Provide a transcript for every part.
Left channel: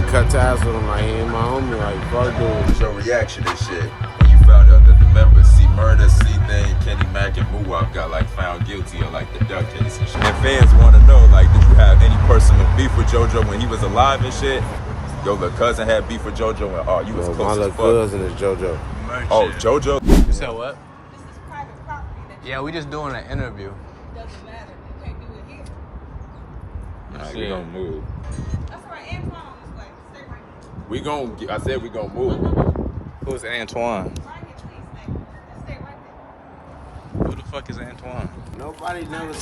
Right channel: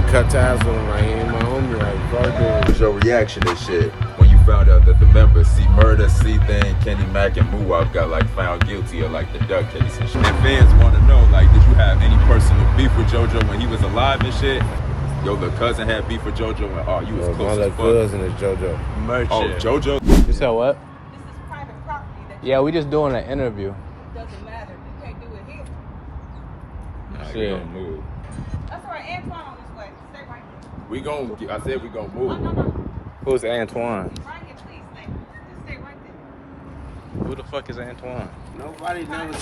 like cut ties with him, like he ain't my homie, like fuck dude. Your reaction and shit when you found out that the members C Murder, C Thing, Kenny Mack, and Muwap got like found guilty of like the duck case and shit. The fans want to know, like, did you have any personal beef with JoJo when he was alive and shit? Your little cousin had beef with JoJo, and oh, you was close my as little fuck. cousin is JoJo. Merch Oh, it. JoJo? You said what? Yeah, we just doing an interview. Shit. Move. We gon' I said we gonna move. Who's Antoine? Who the fuck is Antoine? Nobody never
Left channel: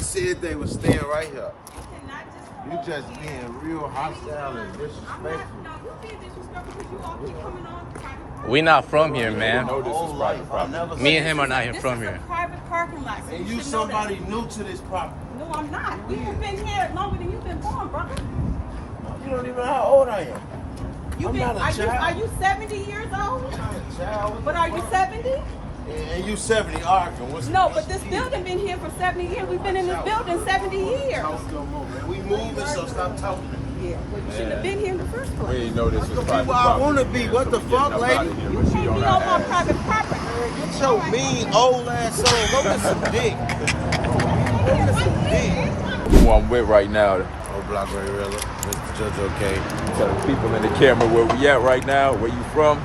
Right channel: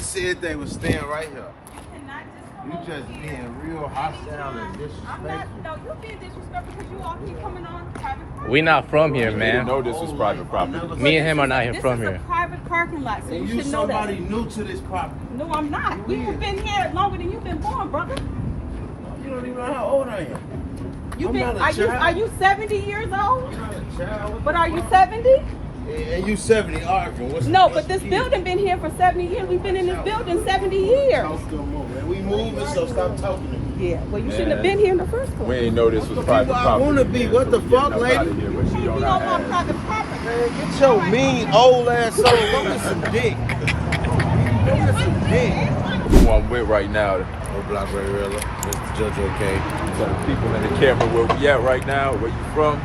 said they was staying right here. You just being real hostile and disrespectful. No, you're being disrespectful because you all keep coming on private. We not from here, man. No, this is private property. Me and him are not here from This here. is a private parking lot, so And you you should know that. somebody new to this property. No, I'm not. You've been here longer than you've been born, brother. You don't even know how old I am. You've I'm been, not a are child. you 70 years old? I'm not a child. But are you 70? And you 70 arguing. No, but this building been here for 70 years. We've been in this building 70 years. We moving, so stop talking to me. Yeah, well, you shouldn't have been here in the first We place. ain't know this was private Well, I property. want to be. What the fuck, lady? You can't be on private property. Get your mean old ass soul. Go get some dick. Go get some dick. Who I'm with right now. OBLOCK, RayRilla. Mr. JojoK. Tell the people in the camera where we at right now, where you from.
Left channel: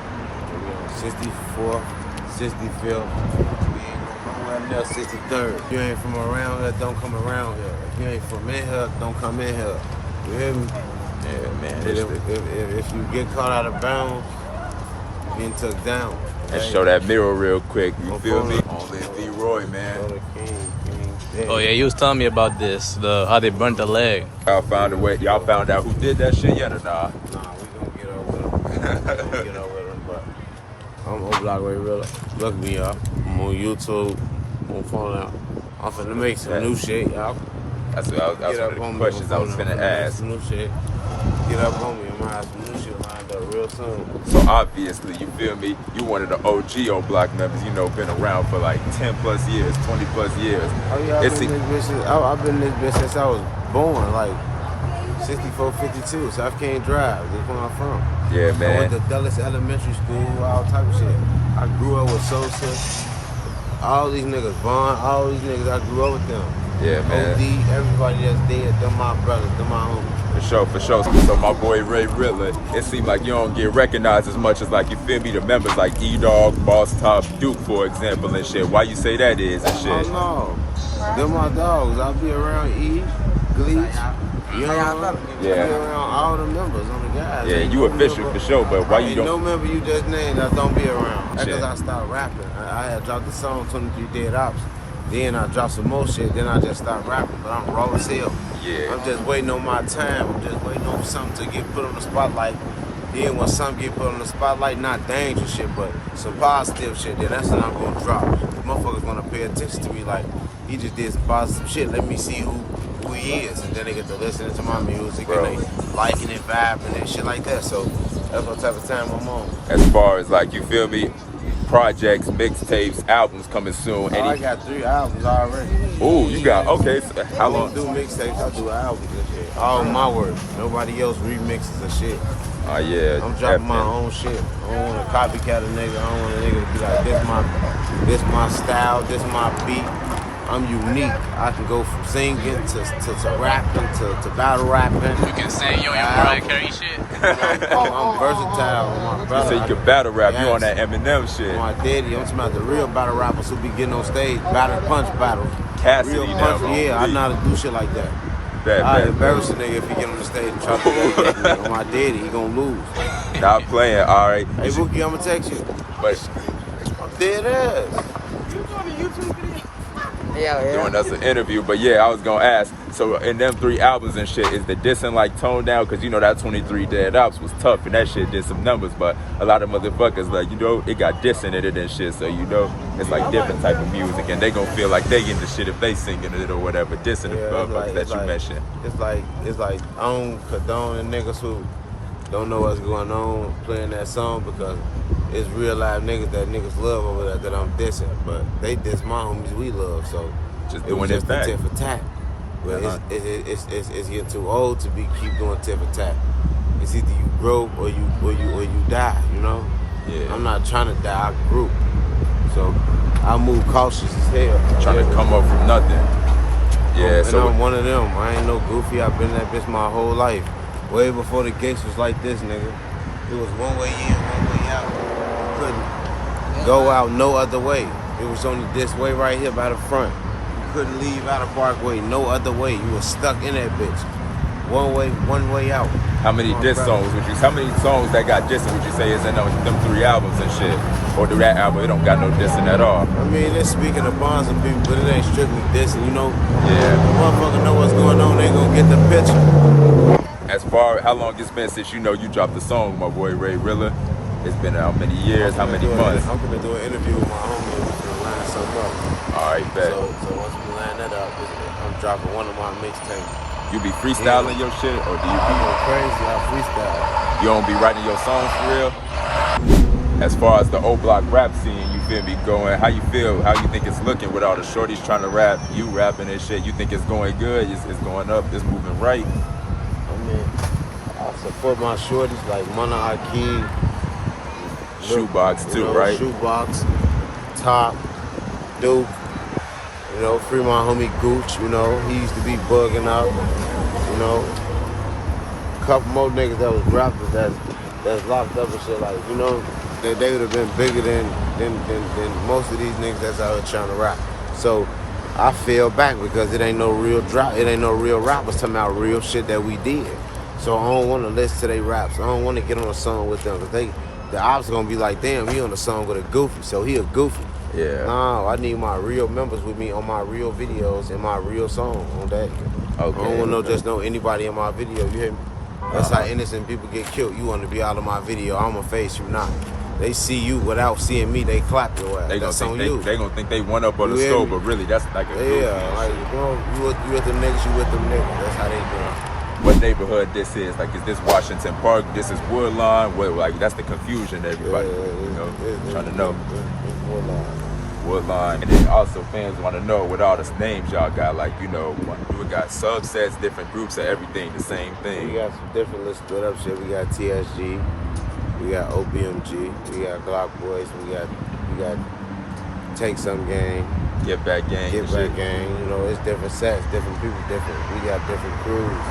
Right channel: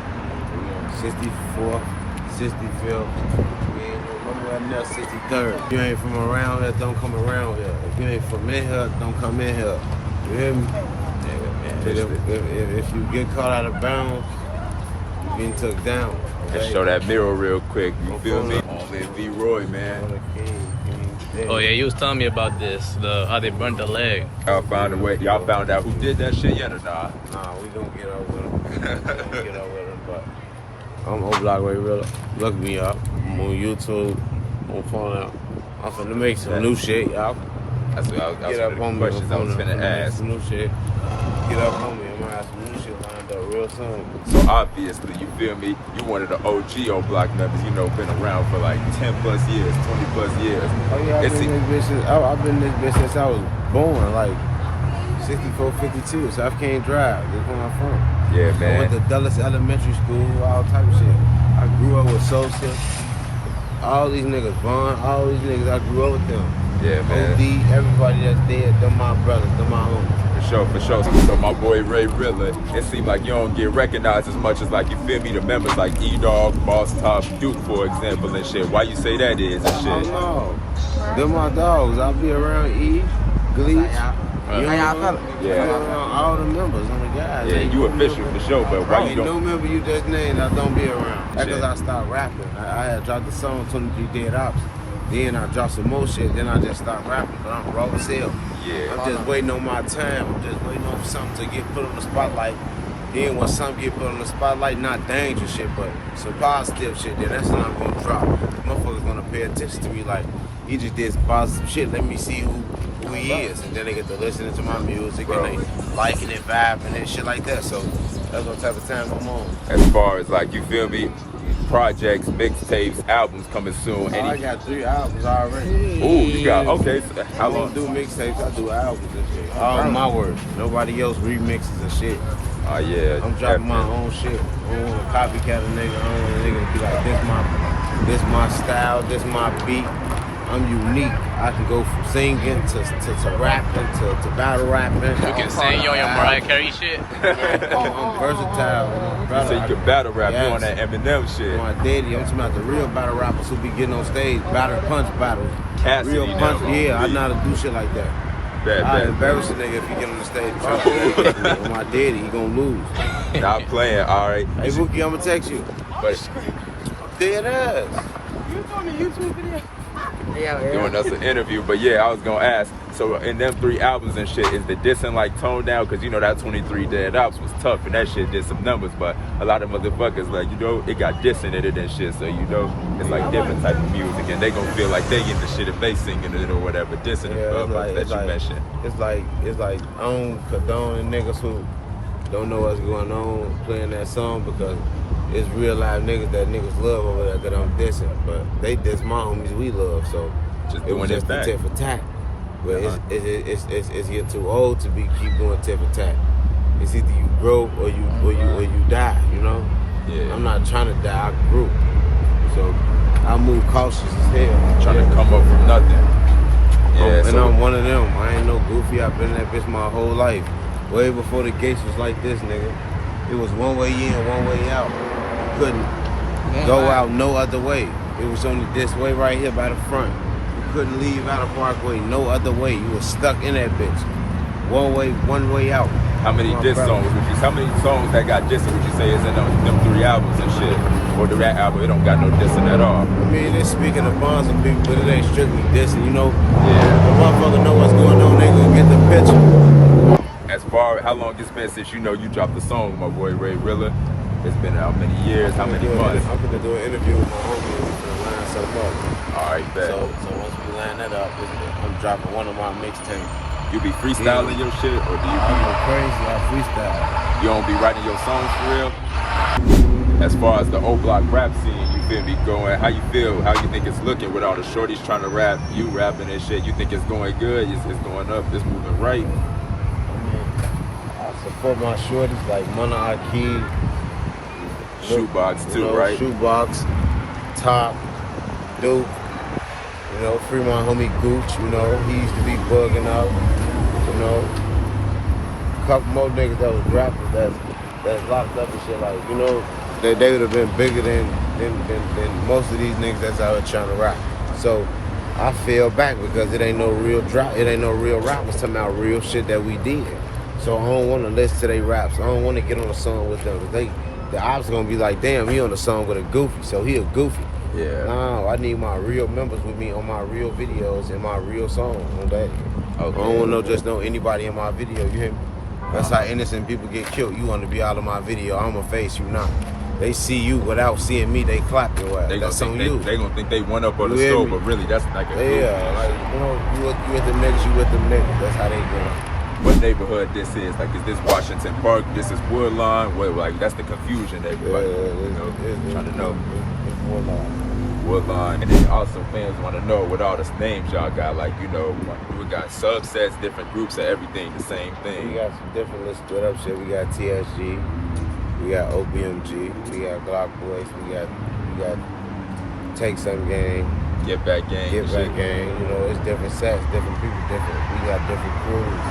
64th, 65th. We ain't nowhere near 63rd. If you ain't from around here, don't come around here. If you ain't from in here, don't come in here. You hear me? Yeah, man. But if you get caught out of bounds, you getting took down. Let's show that mirror real quick. You feel me? Okay. All that D Roy, man. Oh yeah, you was telling me about this, how they burnt the leg. Y'all found a way. Y'all found out who did that shit yet or nah? Nah, we gonna get over them. We gonna get over them, but I'm OBLOCK, RayRilla. Look me up. I'm on YouTube. On phone out. I'm finna make some new shit, y'all. That's what I was Get up on me. I'm I was finna finna make ask. some new shit. Get up on me. I'm gonna have some new shit lined up real soon. So obviously, you feel me? You one of the OG OBLOCK members. You know, been around for like 10 plus years, 20 plus years. Oh yeah, It's- I've been in this bitch since I was born, like 64, 52. So I can't drive. That's where I'm from. Yeah, I man. went to Dulles Elementary School, all type of shit. I grew up with Sosa, all these niggas, Vaughn, all these niggas, I grew up with them. Yeah, man. OD, everybody that's dead, them my brothers, them my homies. For sure. So my boy RayRilla, it seems like you don't get recognized as much as like, you feel me, the members like E-Dog, Boss Top, Duke, for example, and shit. Why you say that is and shit? Oh no, them my dogs. I'll be around E, Gleech, you know, Yeah. I be around all the members on the guys. Yeah, Ain't you no official member- for sure, but why you Ain't don't? no member you just named that don't be around. That's because Shit. I stopped rapping. I had dropped the song 23 Dead Ops. Then I dropped some more shit. Then I just stopped rapping. But I'm raw as hell. Yeah. I'm just waiting on my time. I'm just waiting on something to get put on the spotlight. Then when something get put on the spotlight, not dangerous shit, but some positive shit, then that's when I'm gonna drop. Motherfuckers gonna pay attention to me like, he just did some positive shit. Let me see who he is. And then they get to listen to my music and they liking it, vibing and shit like that. So that's what type of time I'm on. As far as like, you feel me, projects, mixtapes, albums coming soon. Oh, I got 3 albums already. Ooh, you got, okay. So I how don't long? do mixtapes, I do albums and shit. All my work. Nobody else remixes the shit. Oh, yeah. I'm dropping my own shit. I don't want to copycat a nigga. I don't want a nigga to be like, this my style, this my beat. I'm unique. I can go from singing to rapping to battle rapping. You can sing on your Mariah Carey shit. I'm versatile with my You brother. say you can battle rap, you on Yes. that Eminem shit. My daddy, I'm talking about the real battle rappers who be getting on stage, battle punch battles. Cassidy Real now. punch, yeah, I know how to do shit like that. I embarrass a nigga if you get on the stage and try to do that with me. On my daddy, you gonna lose. Y'all playing, all right. Hey, Wookie, I'ma text you. But Dead ass. You doing a YouTube video? doing us an interview, but yeah, I was gonna ask. So in them 3 albums and shit, is the dissing like toned down? Cause you know that 23 Dead Ops was tough and that shit did some numbers, but a lot of motherfuckers like, you know, it got dissing in it and shit. So you know, it's like different type of music, and they gonna feel like they in the shit if they singing it or whatever, dissing Yeah, the motherfuckers that you mentioned. it's like I don't condone the niggas who don't know what's going on playing that song because it's real live niggas that niggas love over there that I'm dissing. But they diss my homies we love, so Just it was doing just it a back. tit for tat. But it's getting too old to keep doing tip for tat. It's either you grow or you die. You know. Yeah. I'm not trying to die. I grew, so I move cautious as hell. Trying to come up from nothing. Yeah, and I'm one of them. I ain't no goofy. I've been in that bitch my whole life. Way before the gates was like this, nigga. It was one way in, one way out. Couldn't go out no other way. It was only this way right here by the front. Couldn't leave out of Parkway no other way. You was stuck in that bitch. One way out. How many how many songs that got dissed would you say is in them 3 albums and shit? Or do that album, it don't got no dissing at all? I mean, they're speaking of bonds and people, but it ain't strictly dissing, you know? Yeah. The motherfucker know what's going on, they gonna get the picture. As far how long it's been since you dropped the song, my boy RayRilla? It's been how many years, how many months? I'm gonna do an interview with my homie to line something up. Alright, bet. So once we line that up, I'm dropping one of my mixtapes. You be freestyling your shit? Or I go crazy, I freestyle. You don't be writing your songs for real? As far as the OBLOCK rap scene, you feel me, going, how you feel, how you think it's looking with all the shorties trying to rap, you rapping and shit, you think it's going good, it's going up, it's moving right? I mean, I support my shorties like Mana Keef, Shoebox too, right? Shoebox, Top, Duke. You know, free my homie Gooch, you know, he used to be bugging out, you know. A couple more niggas that was dropped that's locked up and shit, like, you know, they would have been bigger than most of these niggas that's out here trying to rap. So I fell back because it ain't no real rappers talking about real shit that we did. So I don't want to listen to their raps. I don't want to get on a song with them because the ops are gonna be like, damn, he on a song with a goofy, so he a goofy. Yeah. No, I need my real members with me on my real videos and my real song on that. Okay. I don't want to know anybody in my video, you hear me? That's how innocent people get killed. You want to be out of my video, I'm gonna face you now. They see you without seeing me, they clap your ass. That's on you. They gonna think they one up on the stove, but really that's like a like, you know, you with them niggas, you with them niggas. That's how they go. What neighborhood this is? Like, is this Washington Park? This is Woodline? What, like, that's the confusion everybody, trying to know. It's Woodline. Woodline. And then also fans want to know what all the names y'all got. Like, you know, we got subsets, different groups, and everything the same thing. We got some different little split up shit. We got TSG, we got OBMG, we got Glock Boys, we got Take Some Gang. Get Back Gang. Get Back Gang. You know, it's different sets, different people, different. We got different crews.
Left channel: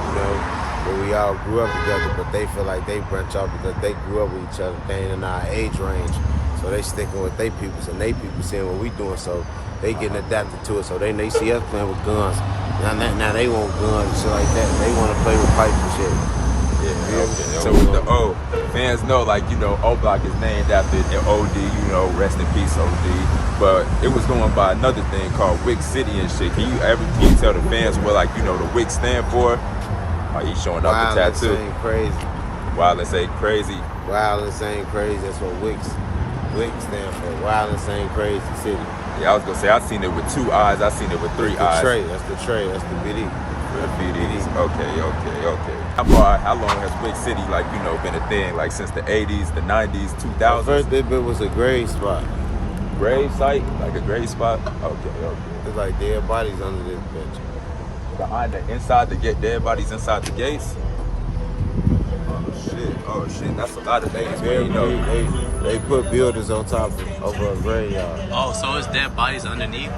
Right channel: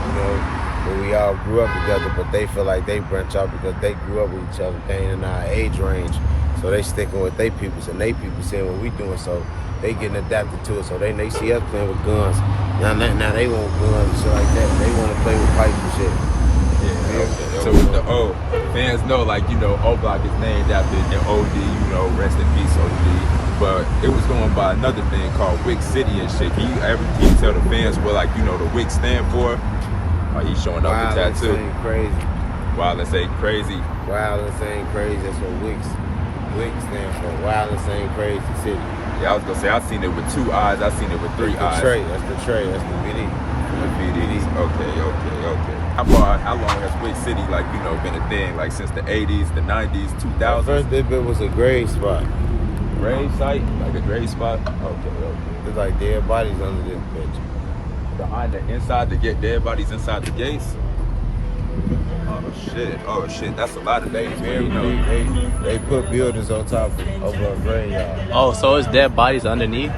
You know, but we all grew up together, but they feel like they branch out because they grew up with each other. They ain't in our age range. So they sticking with they peoples and they people seeing what we doing, so they getting adapted to it. So they see us playing with guns. Now they want guns and shit like that. They want to play with pipes and shit. Yeah. So with the O, fans know, like, you know, OBLOCK is named after your OD, you know, rest in peace OD. But it was going by another thing called Wick City and shit. Can you tell the fans what, like, you know, the Wick stand for? He's showing up the tattoo. Wild, ain't crazy. Wild, ain't crazy. Wild, ain't crazy. That's what Wick stand for. Wild, ain't crazy city. Yeah, I was gonna say, I seen it with 2 eyes. I seen it with 3 eyes. That's the tray. That's the BD. That's BD. Okay. How long has Wick City, like, you know, been a thing? Like, since the 80s, the 90s, 2000s? First, this bit was a grave spot. Grave site? Like a grave spot? Okay. It's like dead bodies under this bitch. Behind the inside to get dead bodies inside the gates? Oh shit, that's a lot of babies. They put buildings on top of a graveyard. Oh, so it's dead bodies underneath?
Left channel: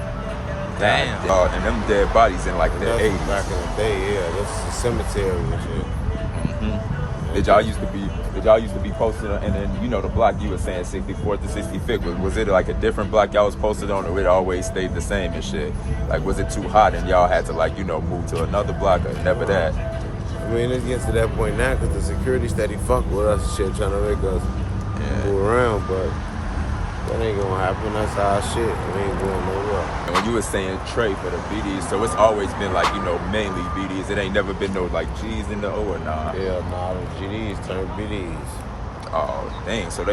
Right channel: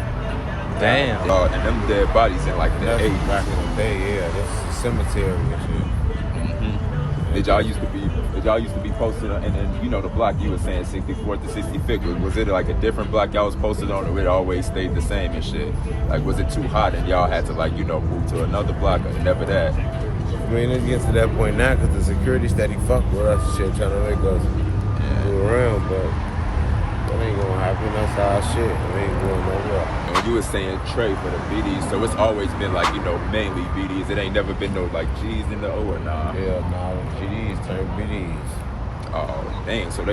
Damn. Oh, and them dead bodies in like the 80s. Back in the day, yeah, that's a cemetery and shit. Mm-hmm. Did y'all used to be posted and then, you know, the block you were saying 64th to 65th, was it like a different block y'all was posted on, or it always stayed the same and shit? Like, was it too hot and y'all had to, like, you know, move to another block, or never that? I mean, it gets to that point now because the security steady fuck with us and shit, trying to make us move around, but that ain't gonna happen. That's our shit. It ain't going nowhere. And when you were saying Trey for the BDs, so it's always been like, you know, mainly BDs. It ain't never been no like G's in the O or nah? Yeah, nah, the GDs turned BDs. Oh, dang. So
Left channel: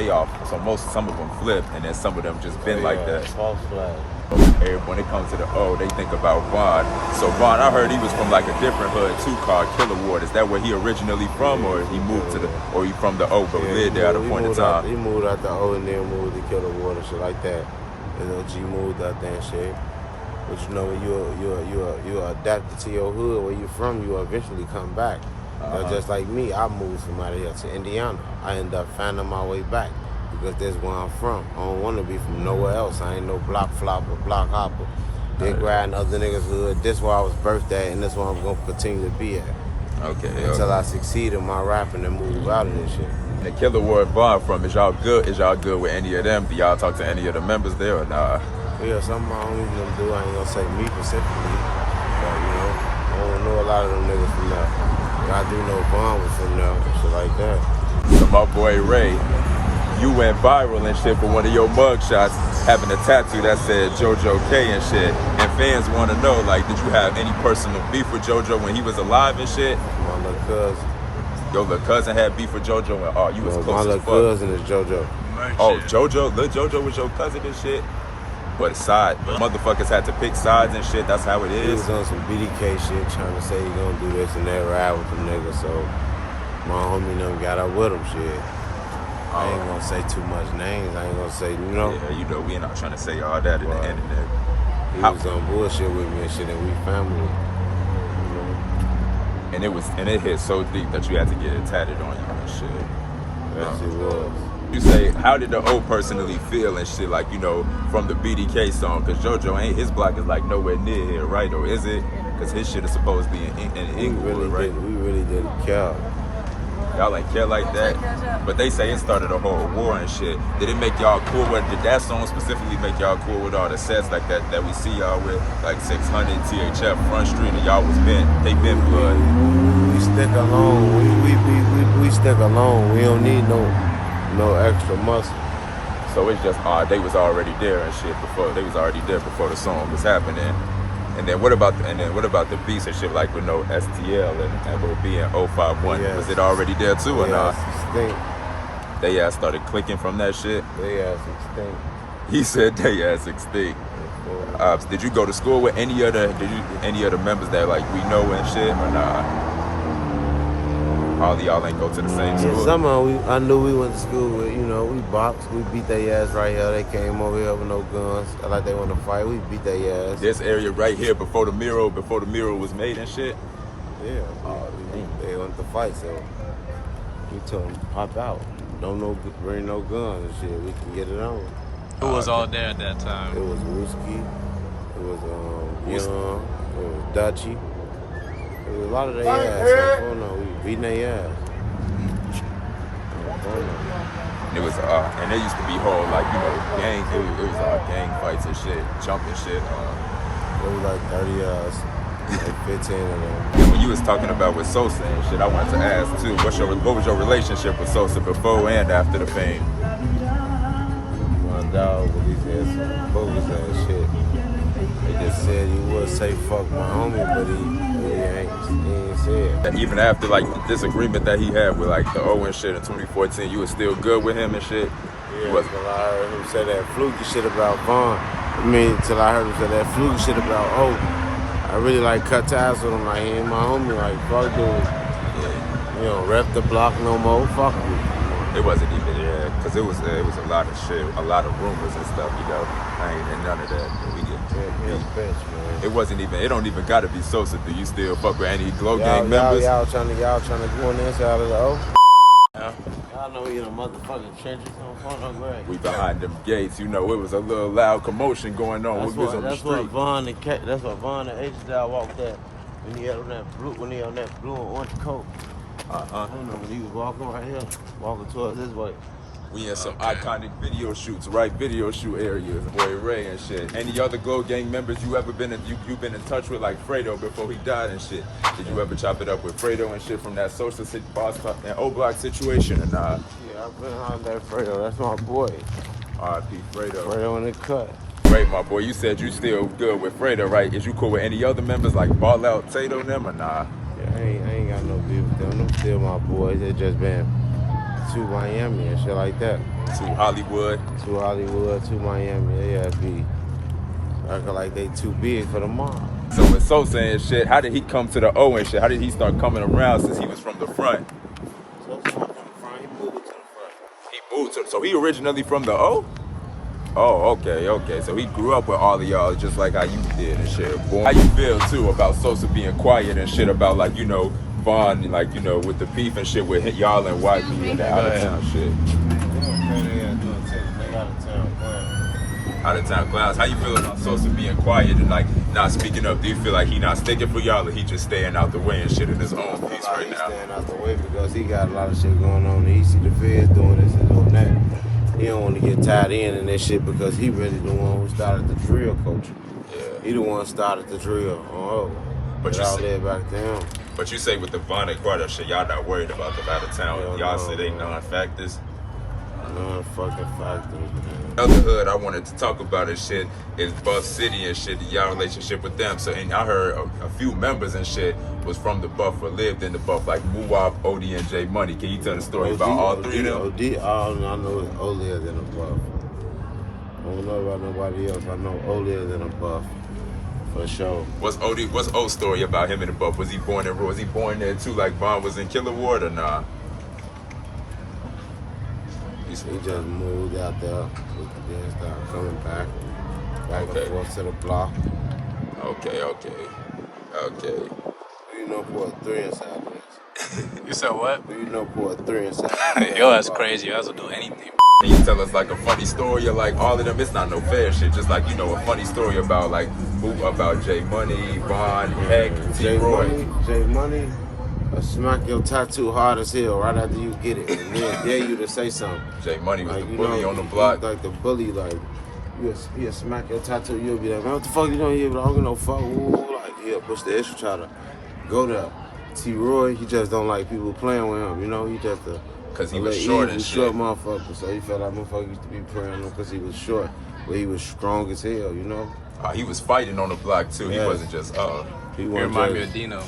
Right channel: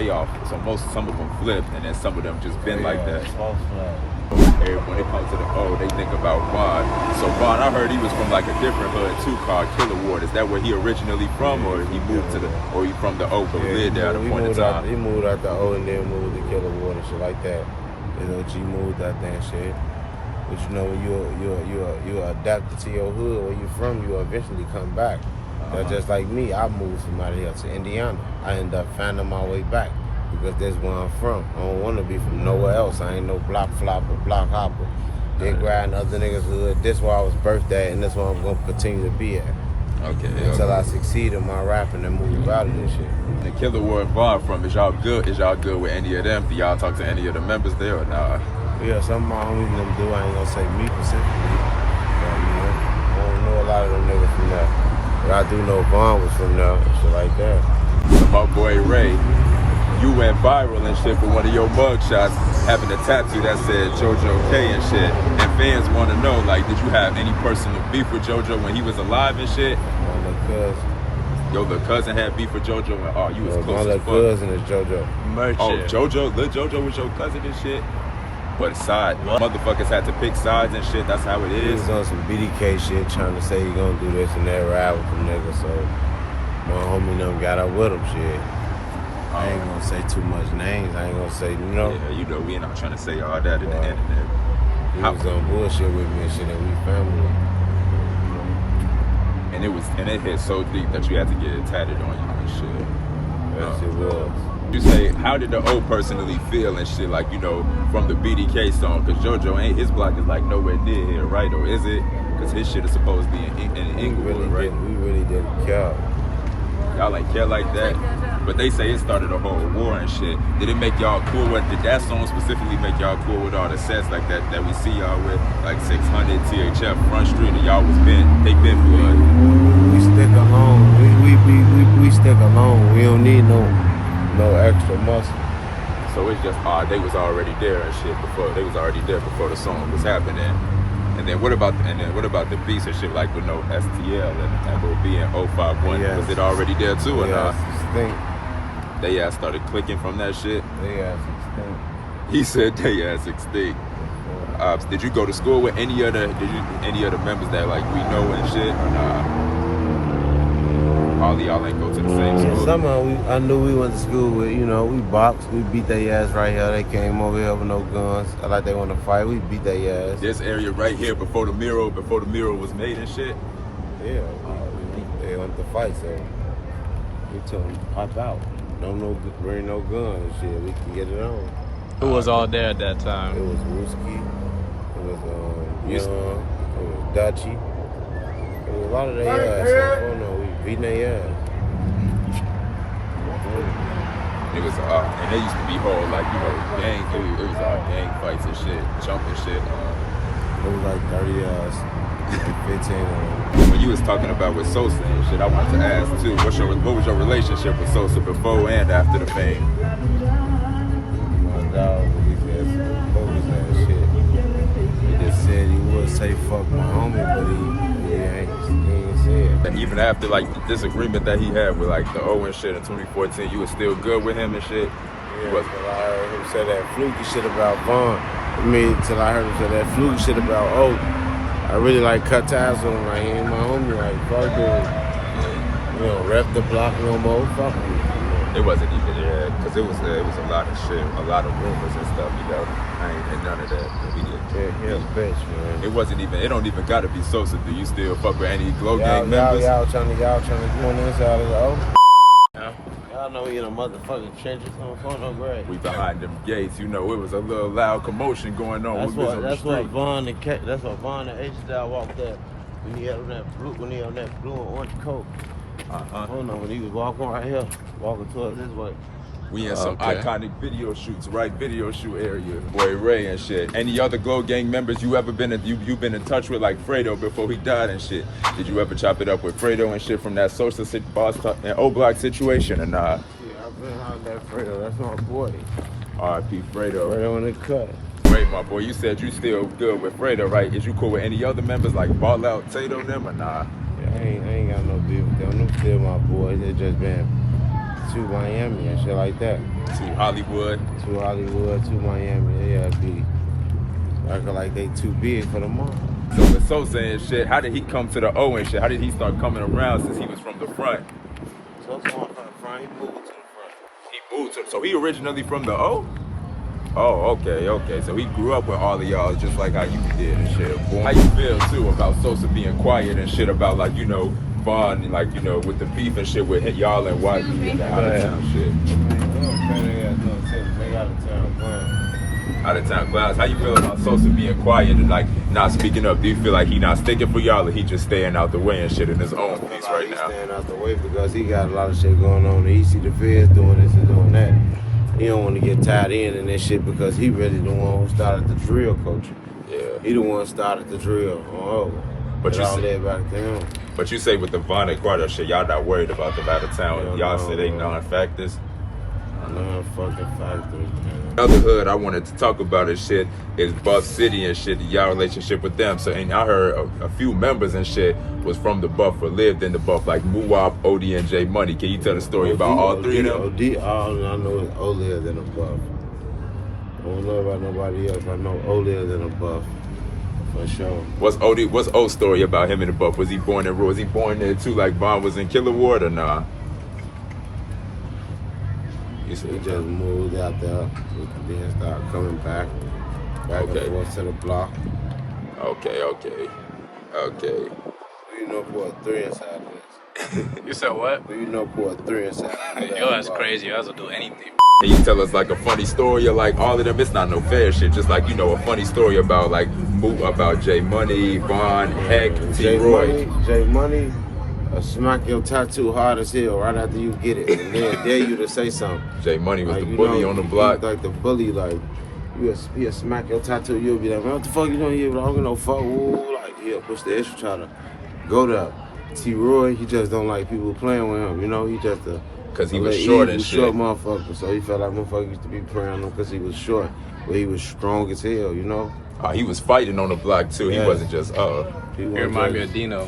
some of them flipped, and then some of them just been like that. False flag. When it comes to the O, they think about Ron. So Ron, I heard he was from like a different hood too called Killer Ward. Is that where he originally from, or he moved to or he from the O but lived there at a point in time? He moved out the O and then moved to Killer Ward and shit like that. And OG moved out there and shit. But you know, when you're adapted to your hood, where you from, you eventually come back. That's just like me. I moved from out of here to Indiana. I ended up finding my way back because that's where I'm from. I don't want to be from nowhere else. I ain't no block flopper, block hopper. Big riding other niggas' hood. This where I was birthed at, and that's where I'm gonna continue to be at. Okay. Until I succeed in my rapping and move out of this shit. And Killer Ward Vaughn from, is y'all good? Is y'all good with any of them? Do y'all talk to any of the members there or nah? Yeah, some of my homies and them do. I ain't gonna say me specifically, but you know, I don't know a lot of them niggas from there. But I do know Vaughn was from there and shit like that. My boy Ray, you went viral and shit for one of your mugshots, having a tattoo that said JojoK and shit. And fans want to know, like, did you have any personal beef with JoJo when he was alive and shit? My little cousin. Your little cousin had beef with JoJo and you was No, close my as little fuck. cousin is JoJo. Oh, JoJo? Lil JoJo was your cousin and shit? What side? Motherfuckers had to pick sides and shit, that's how it He is. was on some BDK shit, trying to say he gonna do this and that, ride with them niggas, so my homie done got up with him, shit. I ain't gonna say too much names, I ain't gonna say, you know. Yeah, you know, we ain't not trying to say all that in the internet. He was on bullshit with me and shit, and we family. You know? And it hit so deep that you had to get it tatted on you and shit. Yes, it was. You say, how did the O personally feel and shit, like, you know, from the BDK song? Because JoJo, his block is like nowhere near here, right? Or is it? Because his shit is supposed to be in Inglewood, right? We really didn't care. Y'all like care like that? But they say it started a whole war and shit. Did it make y'all cool with, did that song specifically make y'all cool with all the sets like that we see y'all with? Like 600, THF, Front Street, and y'all was they been blood. We stick alone. We stick alone. We don't need no extra muscle. So it's just they was already there and shit before the song was happening. And then what about the beats and shit, like with no STL and MOB and 051? Yes. Was it already there too or not? Stink. They ass started clicking from that shit. They ass extinct. He said they ass extinct. Did you go to school with any of the members that like we know and shit or not? All of y'all ain't go to the same school. Some of them I knew we went to school with, you know, we boxed, we beat their ass right here. They came over here with no guns. Like they want to fight, we beat their ass. This area right here before the mural was made and shit. Yeah, they wanted to fight, so we told them pop out. Bring no guns and shit. We can get it on. Who was all there at that time? It was Whiskey. It was Young. It was Dutchy. It was a lot of their ass. So, we beating their ass. It was and they used to be whole like, you know, gang. It was all gang fights and shit, jumping shit. It was like 30 like 15 of them. When you was talking about with Sosa and shit, I wanted to ask too. What was your relationship with Sosa before and after the fame? My dog, but he said some bogus ass shit. He just said he would say fuck my homie, but he ain't say it. Even after like the disagreement that he had with like the O and shit in 2014, you was still good with him and shit? Yeah, till I heard him say that fluky shit about Vaughn. Till I heard him say that fluky shit about O. I really like cut ties with him, like he ain't my homie, like fuck dude. You know, rep the block no more, fuck him. It wasn't even there, because it was a lot of shit, a lot of rumors and stuff, you know. I ain't none of that. Yeah, he a bitch, man. It don't even gotta be Sosa. Do you still fuck with any Glow Gang members? members? Y'all trying to go on the inside of the O? Y'all know we in a motherfucking trenches on front of Greg. We behind them gates, you know, it was a little loud commotion going on. That's what Vaughn and H-Style walked there when he had on that blue and orange coat. Hold on, when he was walking right here, walking towards this way. We in some iconic video shoots, right? Video shoot areas. Boy Ray and shit. Any other Glow Gang members you ever been you've been in touch with, like Fredo before he died and shit? Did you ever chop it up with Fredo and shit from that social and O-Block situation or not? Yeah, I've been on that Fredo. That's my boy. R.I.P. Fredo. Fredo in the cut. Wait, my boy, you said you still good with Fredo, right? Is you cool with any other members like Ball Out, Tato, them or nah? Yeah, I ain't got no beef with them. Them still my boys. They just been to Miami and shit like that. To Hollywood, to Miami. They ass be acting like they too big for the mob. So with Sosa and shit, how did he come to the O and shit? How did he start coming around since he was from the front? So that's from the front. He moved to the front. He moved to, so he originally from the O? Oh, okay. So he grew up with all of y'all just like how you did and shit. How you feel too about Sosa being quiet and shit about like, you know, Vaughn, like, you know, with the beef and shit with y'all and YB and out of town shit. They out of town playing. Out of town clowns. How you feel about Sosa being quiet and like not speaking up? Do you feel like he not sticking for y'all or he just staying out the way and shit in his own piece right He's now? staying out the way because he got a lot of shit going on. He see the feds doing this and doing that. He don't want to get tied in that shit because he really the one who started the drill culture. Yeah. He the one who started the drill. But it all led back to him. But you say with the Vaughn and Carter shit, y'all not worried about them out of town. Y'all say they non-factors. Non-fucking factors, man. Another hood I wanted to talk about and shit is Buff City and shit, y'all relationship with them. So, and I heard a few members and shit was from the Buff or lived in the Buff, like Muwop, OD, and J Money. Can you tell the story about all three of them? All I know is O lives in a Buff. I don't know about nobody else. I know O lives in a Buff. For sure. What's O's story about him in the Buff? Was he born in Was he born there too, like Vaughn was in Killer Ward or nah? He just moved out there, then started coming back and forth to the block. Okay. You know, Port 3 inside this. You said what? You know, Port 3 inside this. Yo, that's crazy. You guys will do anything. Can you tell us like a funny story of like all of them? It's not no fair shit. Just like, you know, a funny story about like about J Money, Vaughn, Heck, J Money. Smack your tattoo hard as hell right after you get it, and then dare you to say something. J Money was like, the bully on the block. Like the bully, like he'll smack your tattoo. You'll be like, man, what the fuck you doing here? I don't give no fuck. Ooh, like he'll push the extra, try to go to T-Roy. He just don't like people playing with him. You know, he just because he was short and shit. Short motherfucker, so he felt like motherfucker used to be praying on him because he was short, but he was strong as hell. You know. He was fighting on the block too. Yeah. He wasn't just He remind me of Dino.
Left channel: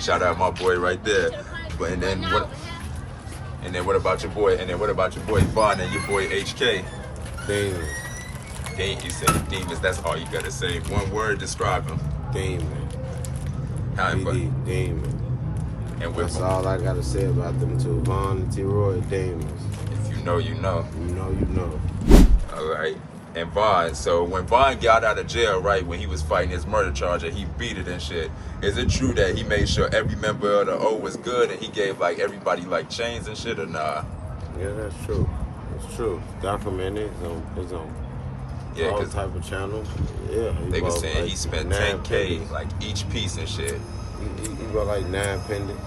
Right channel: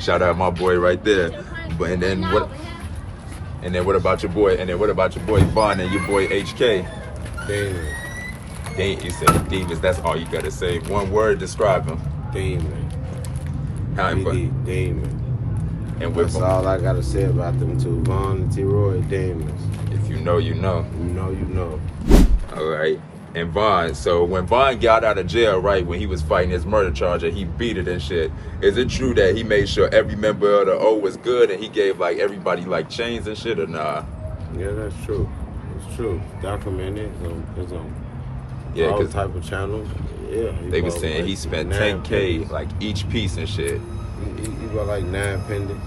Shout out my boy right there. But and then what about your boy? And then what about your boy Vaughn and your boy HK? Demon. You said demons. That's all you gotta say. One word, describe him. Demon. Demon. And that's all I gotta say about them two. Vaughn and T-Roy, demons. If you know, you know. You know. All right. And Vaughn, so when Vaughn got out of jail, right, when he was fighting his murder charge and he beat it and shit, is it true that he made sure every member of the O was good and he gave like everybody like chains and shit or nah? Yeah, that's true. It's true. Documented. It's on all type of channels. Yeah. They were saying he spent 10K like each piece and shit. He got like 9 pendants.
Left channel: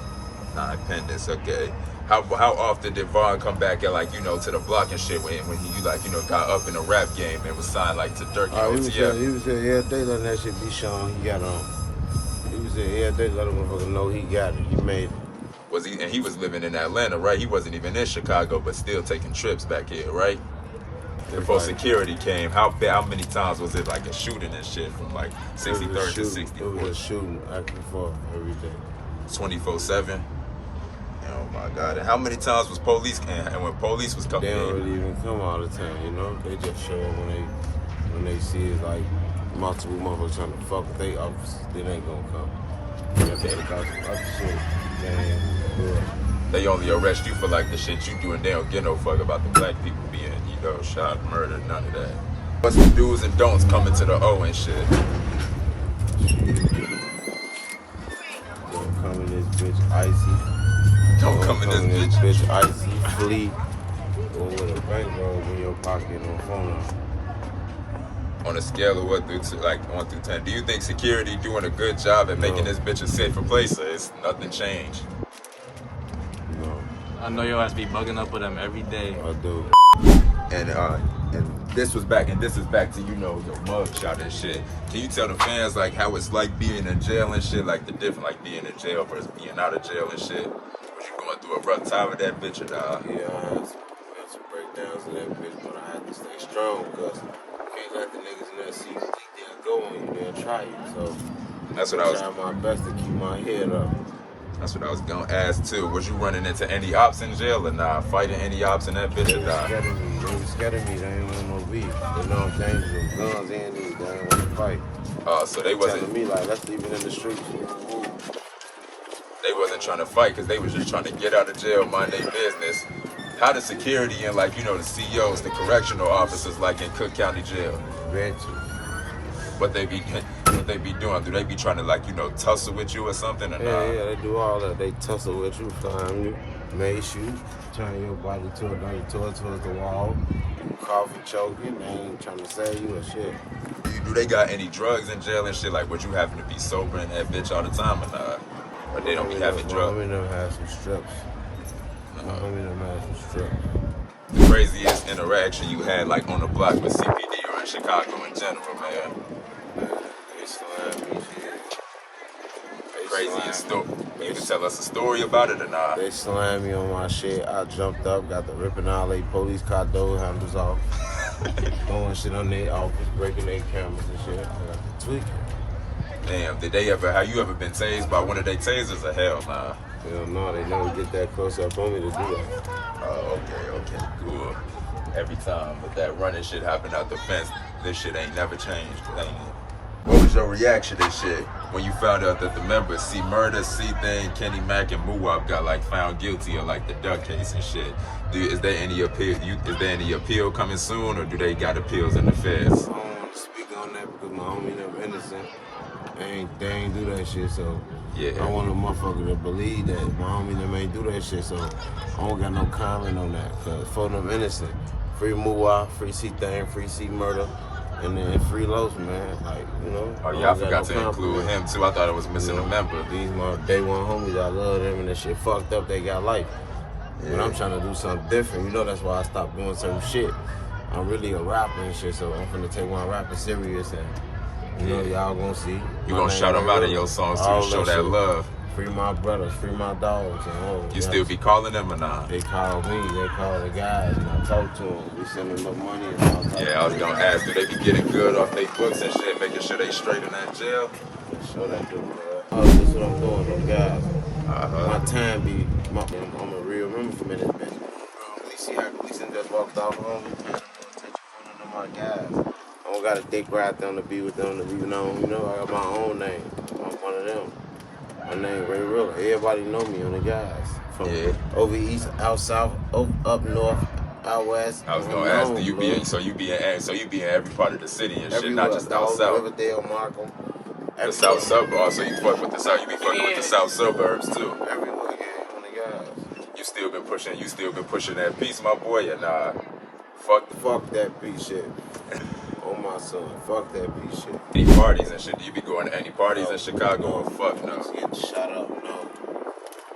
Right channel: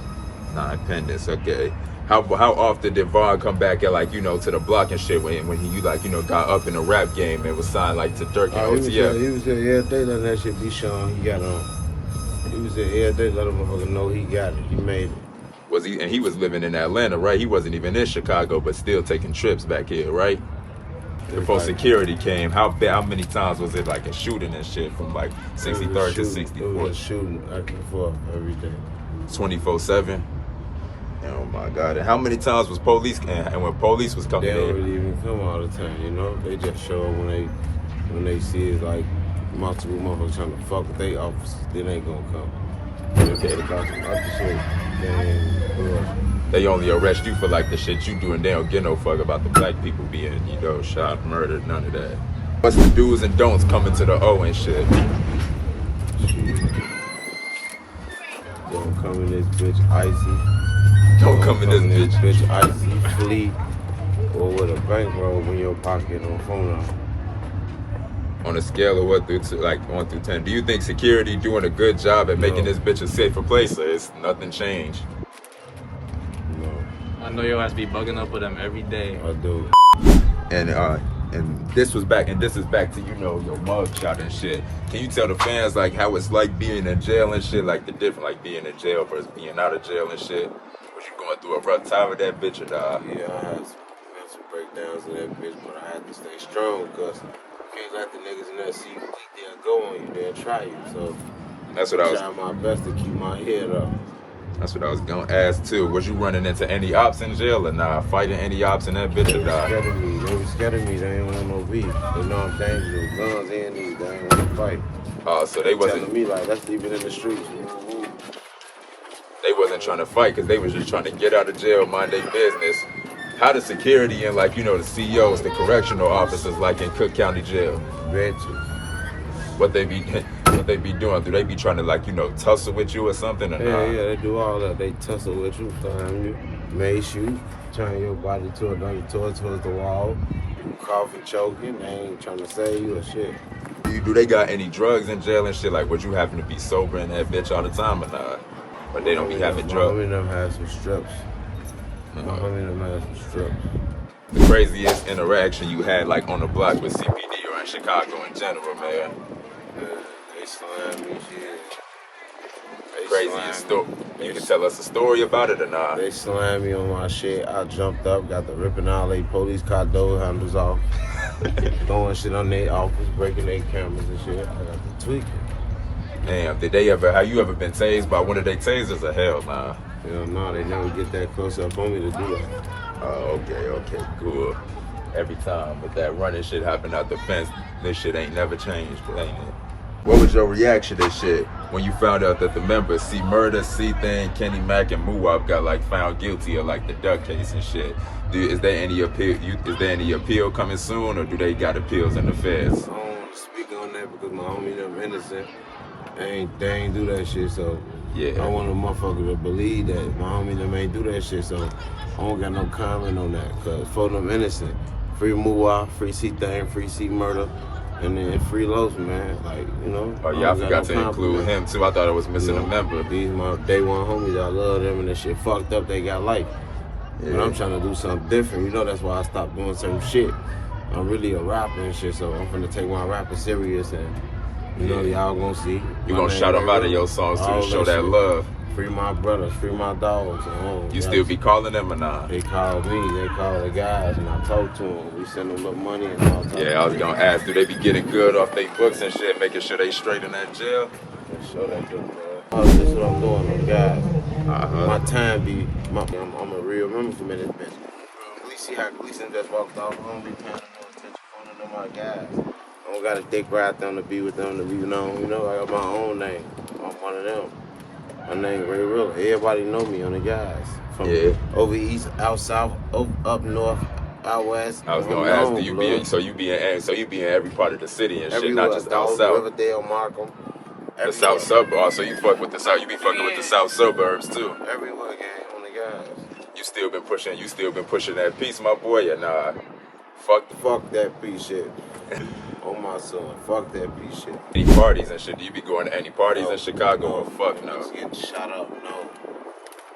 9 pendants, okay. How often did Vaughn come back and like, you know, to the block and shit when he like, you know, got up in the rap game and was signed like to Dirk and OTF? He was there every day letting that shit be shown. He got on. He was there every day letting motherfucker know he got it. He made it. Was he? And he was living in Atlanta, right? He wasn't even in Chicago, but still taking trips back here, right? Before security came, how many times was it like a shooting and shit from like 63rd to 64th? It was a shooting back and forth every day. 24/7. Oh my God! And how many times was police and when police was coming? They don't really even come all the time, you know. They just show up when they see it's like multiple motherfuckers trying to fuck with their officers. Then they gonna come. If they got some other shit, they only arrest you for like the shit you do, and they don't give no fuck about the black people being, you know, shot, murdered, none of that. What's the do's and don'ts coming to the O and shit? Don't come in this bitch icy. Don't come in this bitch icy, flee, or with a bankroll in your pocket on phone. On a scale of 1 through 10, do you think security doing a good job at making this bitch a safer place, or is nothing changed? No. I know your ass be bugging up with them every day. I do. And this is back to, you know, your mugshot and shit. Can you tell the fans like how it's like being in jail and shit, like the difference, like being in jail versus being out of jail and shit? Was you going through a rough time with that bitch or not? Yeah, I had some breakdowns in that bitch, but I had to stay strong because you can't let the niggas in there see you think they'll go on you, they'll try you. So that's what I was trying my best to keep my head up. That's what I was gonna ask too. Was you running into any ops in jail or nah? Fighting any ops in that bitch or nah? They was scared of me. They ain't want no beef. They know I'm dangerous. Guns and these. They ain't want to fight. So they wasn't telling me like, let's leave it in the streets. They wasn't trying to fight because they was just trying to get out of jail, mind their business. How the security and like, you know, the CEOs, the correctional officers like in Cook County Jail? Bet you. What they be doing? Do they be trying to like, you know, tussle with you or something? Or Yeah, they do all that. They tussle with you, find you, mace you, turn your body towards the wall, coughing, choking. They ain't trying to save you or shit. Do they got any drugs in jail and shit? Like, would you happen to be sober in that bitch all the time or not? Or they don't be having drugs? My homie them has some strips. My homie them has some strips. The craziest interaction you had, like, on the block with CPD or in Chicago in general, man? They slam me, shit. Craziest story. You can tell us a story about it or not? They slammed me on my shit. I jumped up, got the ripping all they police car door handles off. Throwing shit on their office, breaking their cameras and shit. I got the tweaking. Damn, have you ever been tased by one of their tasers or hell nah? Hell no, they never get that close up on me to do that. Oh, okay, cool. Every time, but that running shit happened out the fence, this shit ain't never changed, ain't it? What was your reaction to shit when you found out that the members C Murder, C Thing, Kenny Mack, and Muwap got like found guilty of like the duck case and shit? Is there any appeal? Is there any appeal coming soon, or do they got appeals in the feds? I don't want to speak on that because my homie them innocent. They ain't do that shit, so yeah. I want a motherfucker to believe that my homie them ain't do that shit, so I don't got no comment on that because for them innocent. Free Muwap, free C Thing, free C Murder. And then free Los, man, like, you know. Oh, yeah, I forgot to include him, too. I thought it was missing a member. These my day one homies, I love them, and that shit fucked up, they got life. Yeah. But I'm trying to do something different, you know, that's why I stopped doing certain shit. I'm really a rapper and shit, so I'm finna take my rapping serious, and, you know, y'all gonna see. You gonna shout them out in your songs, too, to show that love. Free my brothers, free my dogs. You still be calling them or not? They call me, they call the guys, and I talk to them. We send them little money and all that. Yeah, I was gonna ask, do they be getting good off their books and shit, making sure they straight in that jail? For sure they do, man. Oh, this is what I'm doing on the guys. My time be, I'm a real member from this bitch. We see how Gleason just walked off. We don't be paying no attention for none of my guys. I don't got a dick right there to be with them to be known. You know, I got my own name. I'm one of them. My name RayRilla. Everybody know me on the guys. From over east, out south, up north, out west. I was gonna ask, you be in every part of the city and everywhere, shit, not just out south. Riverdale, Markham. The south suburbs. So you fuck with the south. You be fucking with the south suburbs too. Everywhere, gang, on the guys. You still been pushing that piece, my boy, and fuck that piece shit. Oh my son, fuck that piece shit. Any parties and shit? Do you be going to any parties in Chicago? No. Fuck no. Just getting shot up, no.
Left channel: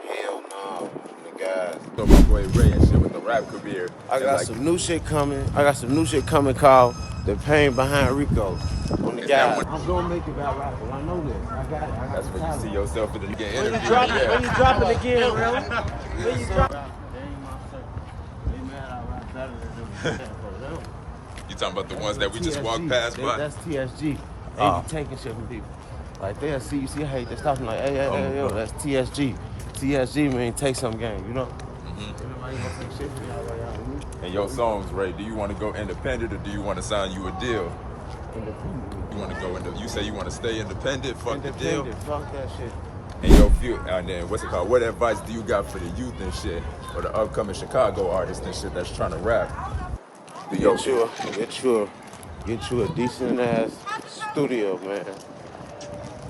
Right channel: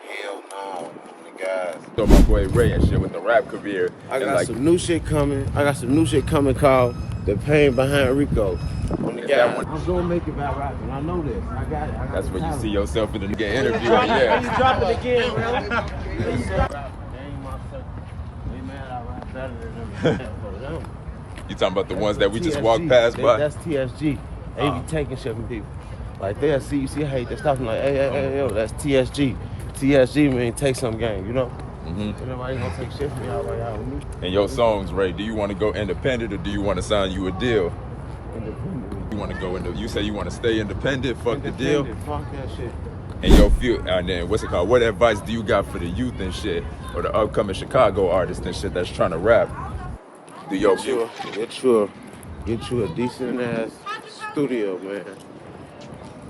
Hell no. The guys. So my boy Ray and shit with the rap career. I got some new shit coming. Called The Pain Behind Rico. I'm gonna make it about rapping. I know this. I got it. That's when you see yourself in the nigga interview. He's dropping again, bro. They ain't my circle. They mad I rap better than them. You talking about the ones that we just walked past by? That's TSG. They be taking shit from people. Like they'll see you hate they stop like, hey, yo, that's TSG. TSG mean take some game, you know? Mm-hmm. Nobody gonna take shit from y'all like y'all with me. And your songs, Ray, do you want to go independent or do you want to sign you a deal? Independent. You want to go into? You say you want to stay independent? Fuck the deal. Fuck that shit. And your few, and then what's it called? What advice do you got for the youth and shit, or the upcoming Chicago artists and shit that's trying to rap? Get you a decent ass studio, man.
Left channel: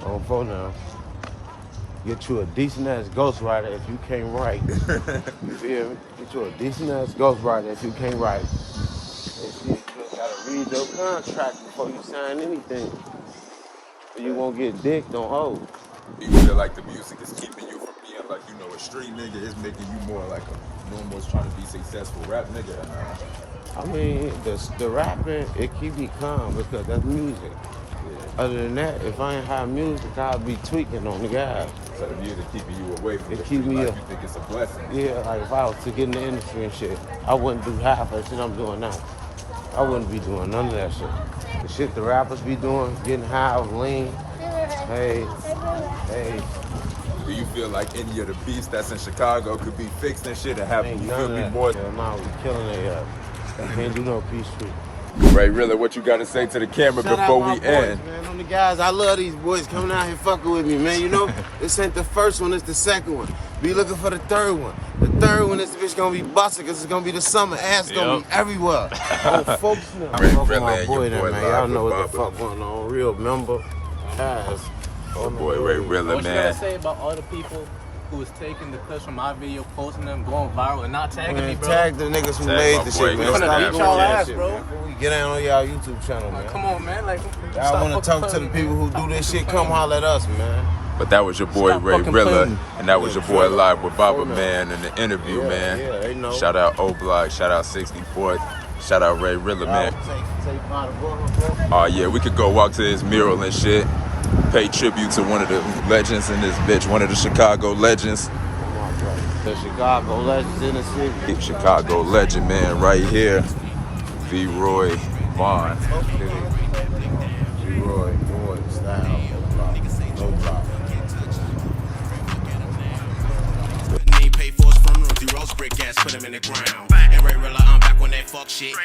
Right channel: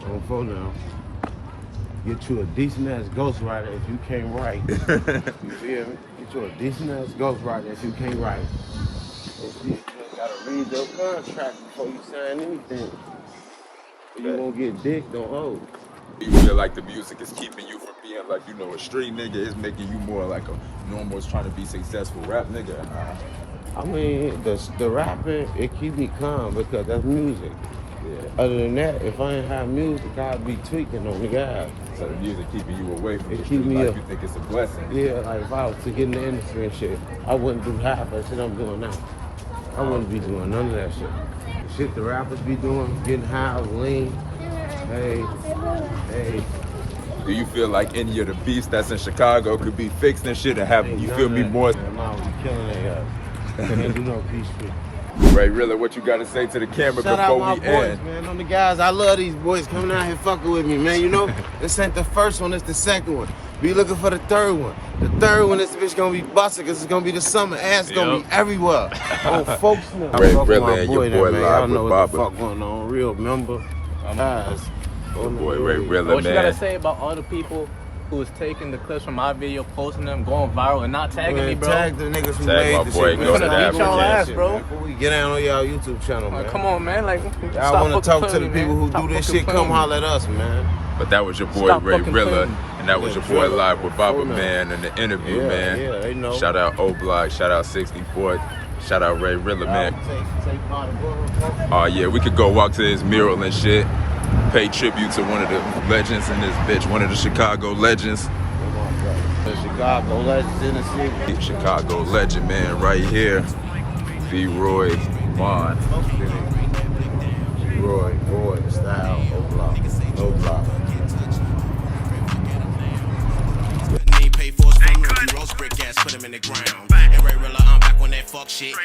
On phone now. Get you a decent ass ghostwriter if you can't write. You feel me? Get you a decent ass ghostwriter if you can't write. You gotta read your contract before you sign anything. You won't get dicked on hold. You feel like the music is keeping you from being like, you know, a street nigga? It's making you more like one that's trying to be successful rap nigga. I mean, the rapping, it keep me calm because that's music. Yeah. Other than that, if I ain't have music, I'd be tweaking on the guys. So the music keeping you away from it the keep street me life, up. you think it's a blessing? Yeah, like if I was to get in the industry and shit, I wouldn't do half of shit I'm doing now. I wouldn't be doing none of that shit. The shit the rappers be doing, getting high, lean. Hey. Do you feel like any of the beats that's in Chicago could be fixed and shit or happen? You feel me, boy? Yeah, man, we killing that guys. Can't do no peace shit. RayRilla, what you got to say to the camera Shout before out my we boys, end? man. On the guys, I love these boys coming out here fucking with me, man. You know, this ain't the first one, it's the second one. Be looking for the third one. The third one, this bitch gonna be busting because it's gonna be the summer. Ass gonna be everywhere. Oh, folks know. I'm fucking RayRilla my and boy your there, boy man. live Y'all know with what the Baba. fuck going on. Real member. Guys. Your boy RayRilla, What you gotta man. say about other people who's taking the clips from my video, posting them, going viral, and not tagging me, Man, bro? tag the niggas who Tag made my the boy, shit. go to that beat y'all ass, shit, bro. man. Before we get down on y'all YouTube channel, man. Come on, man. Like, Y'all want to talk to the people who do this shit, come holler at us, man. But that was your boy Stop fucking RayRilla, playing. and that was your boy live with Baba, man, in the interview, man. Yeah, they know. Shout out OBLOCK, shout out 64th, shout out RayRilla, man. Oh yeah, we could go walk to his mural and shit. Pay tribute to one of the legends in this bitch, one of the Chicago legends. Oh my brother. The Chicago legends in the city. Chicago legend, man, right here. V-Roy Vaughn. Roy, Boy, Style, O-Block, No Block. Pay for his funeral, he roast brick ass, put him in the ground. And RayRilla, I'm back on that fuck shit.